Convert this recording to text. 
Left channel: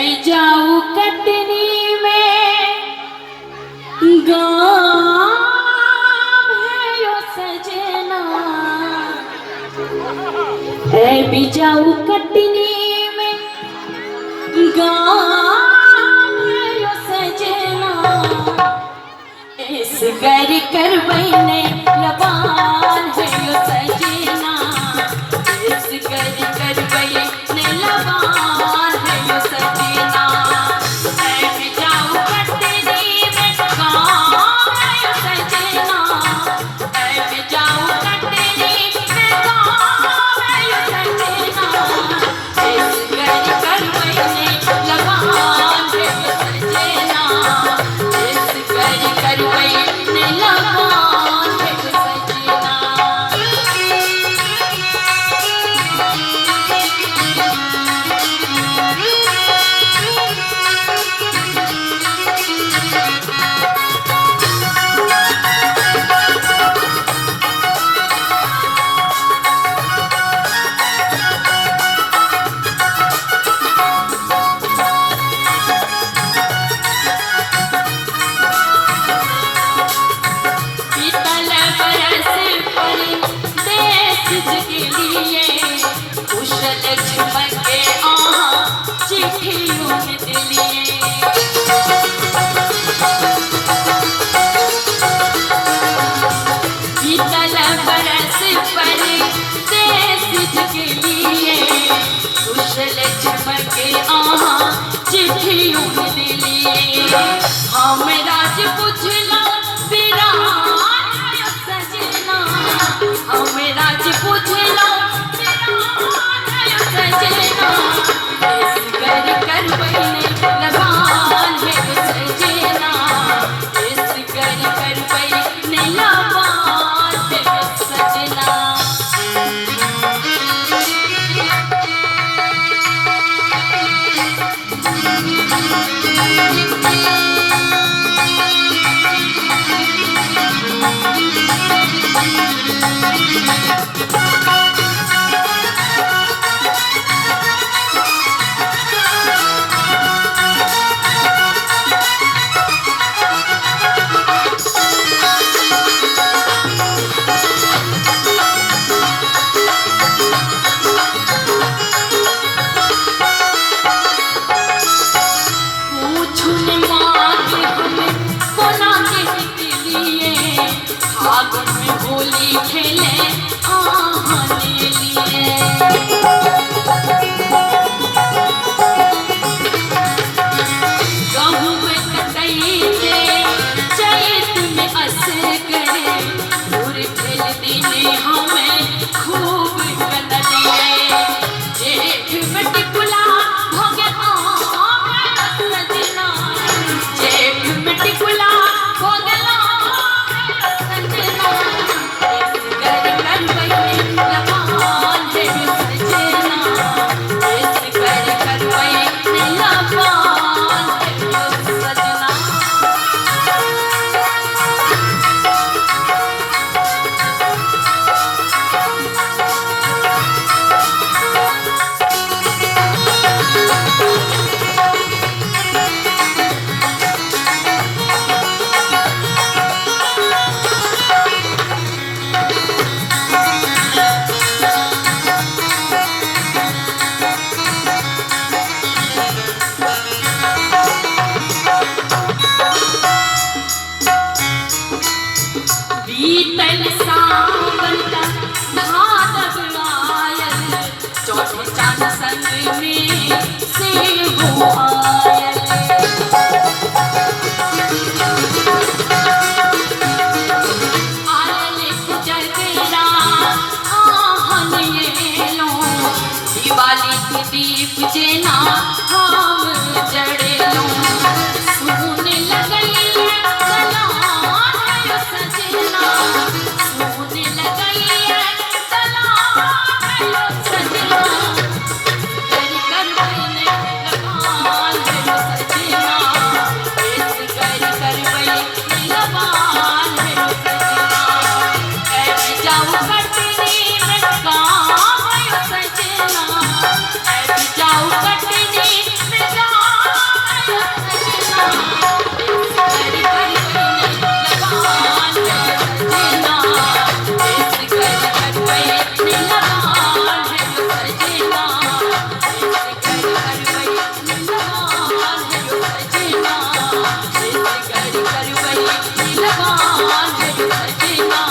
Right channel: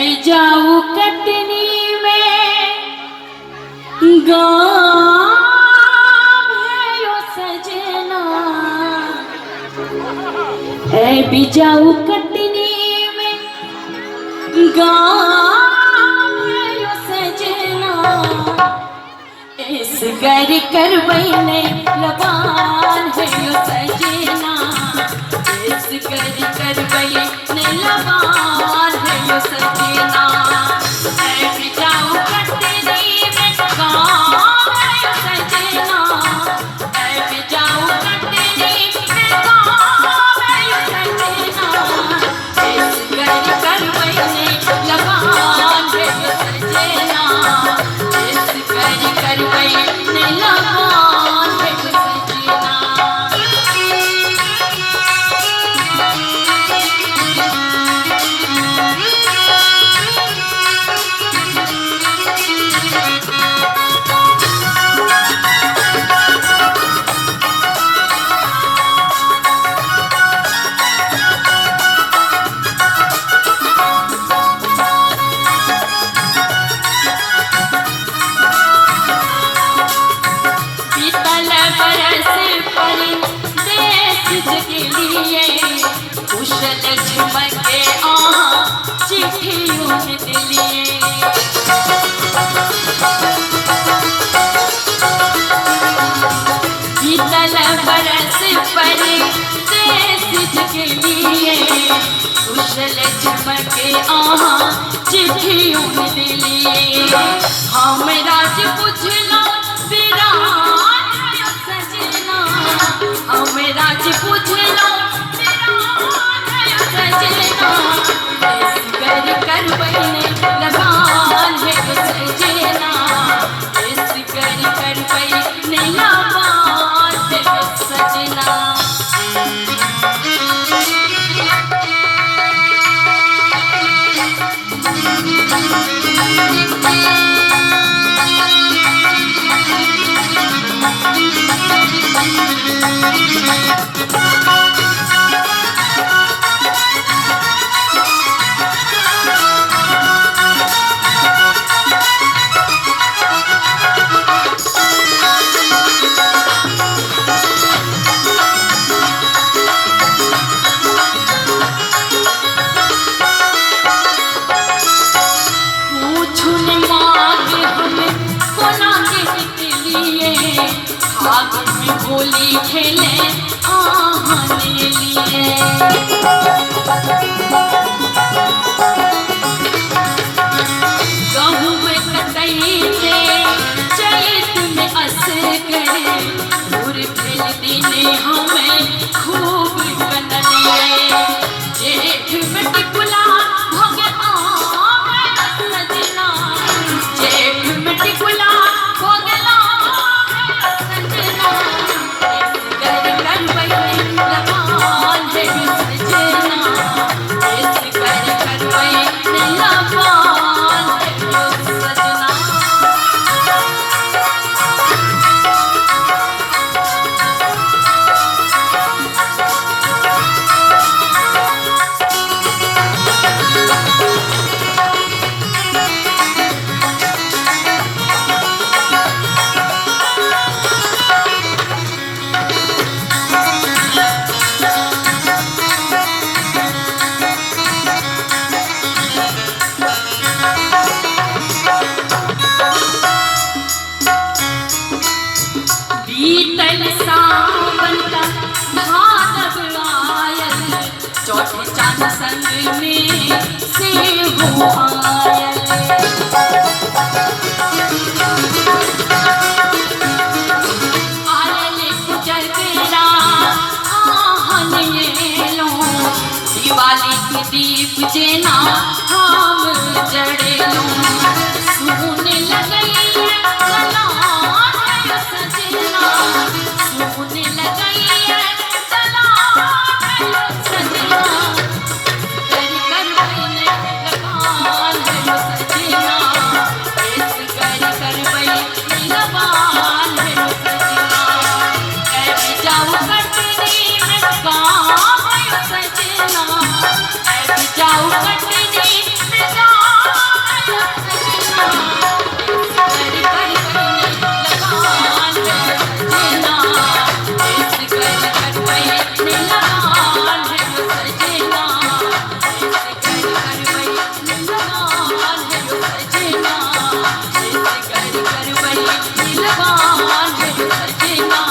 भी जाऊं कटनी में गाँव सजना, है भी जाऊं कटनी में गाँव सजना, इस बैर कर बहने लगान है सजना, इस बैर कर बहने लगान है सजना, मैं भी जाऊं कटनी में गाँव सजना, मैं भी जाऊं कटनी में गाँव सजना, इस बैर कर बहने लगान है सजना, इस बैर कर बहने लगान है सजना। के लिए कुशल झमके चिट्ठियों के लिए, शीतल बरस पर देश के लिए कुशल झमके चिट्ठियों के लिए, हम राज पूछला सजना, हम राज पूछला सजना, इस बैर कर बहने लगान है सजना, इस बैर कर बहने लगान है सजना। होली खेले आने लिए, गहूँ में कतई से चैत में अस गए, और खेल दिने हमें खूब कनलिए, जेठ में टिकुला हो गया सजना, जेठ में टिकुला हो गया सजना, बीतल सावन का भादव आयल, चौथे चांद संग में से हो आयल, आयल जगरा आहन येलो, दिवाली के दीप जेना हम जड़ेलो, सोने लगई सजना, सोने लगई सजना, कर बहने लगान है सजना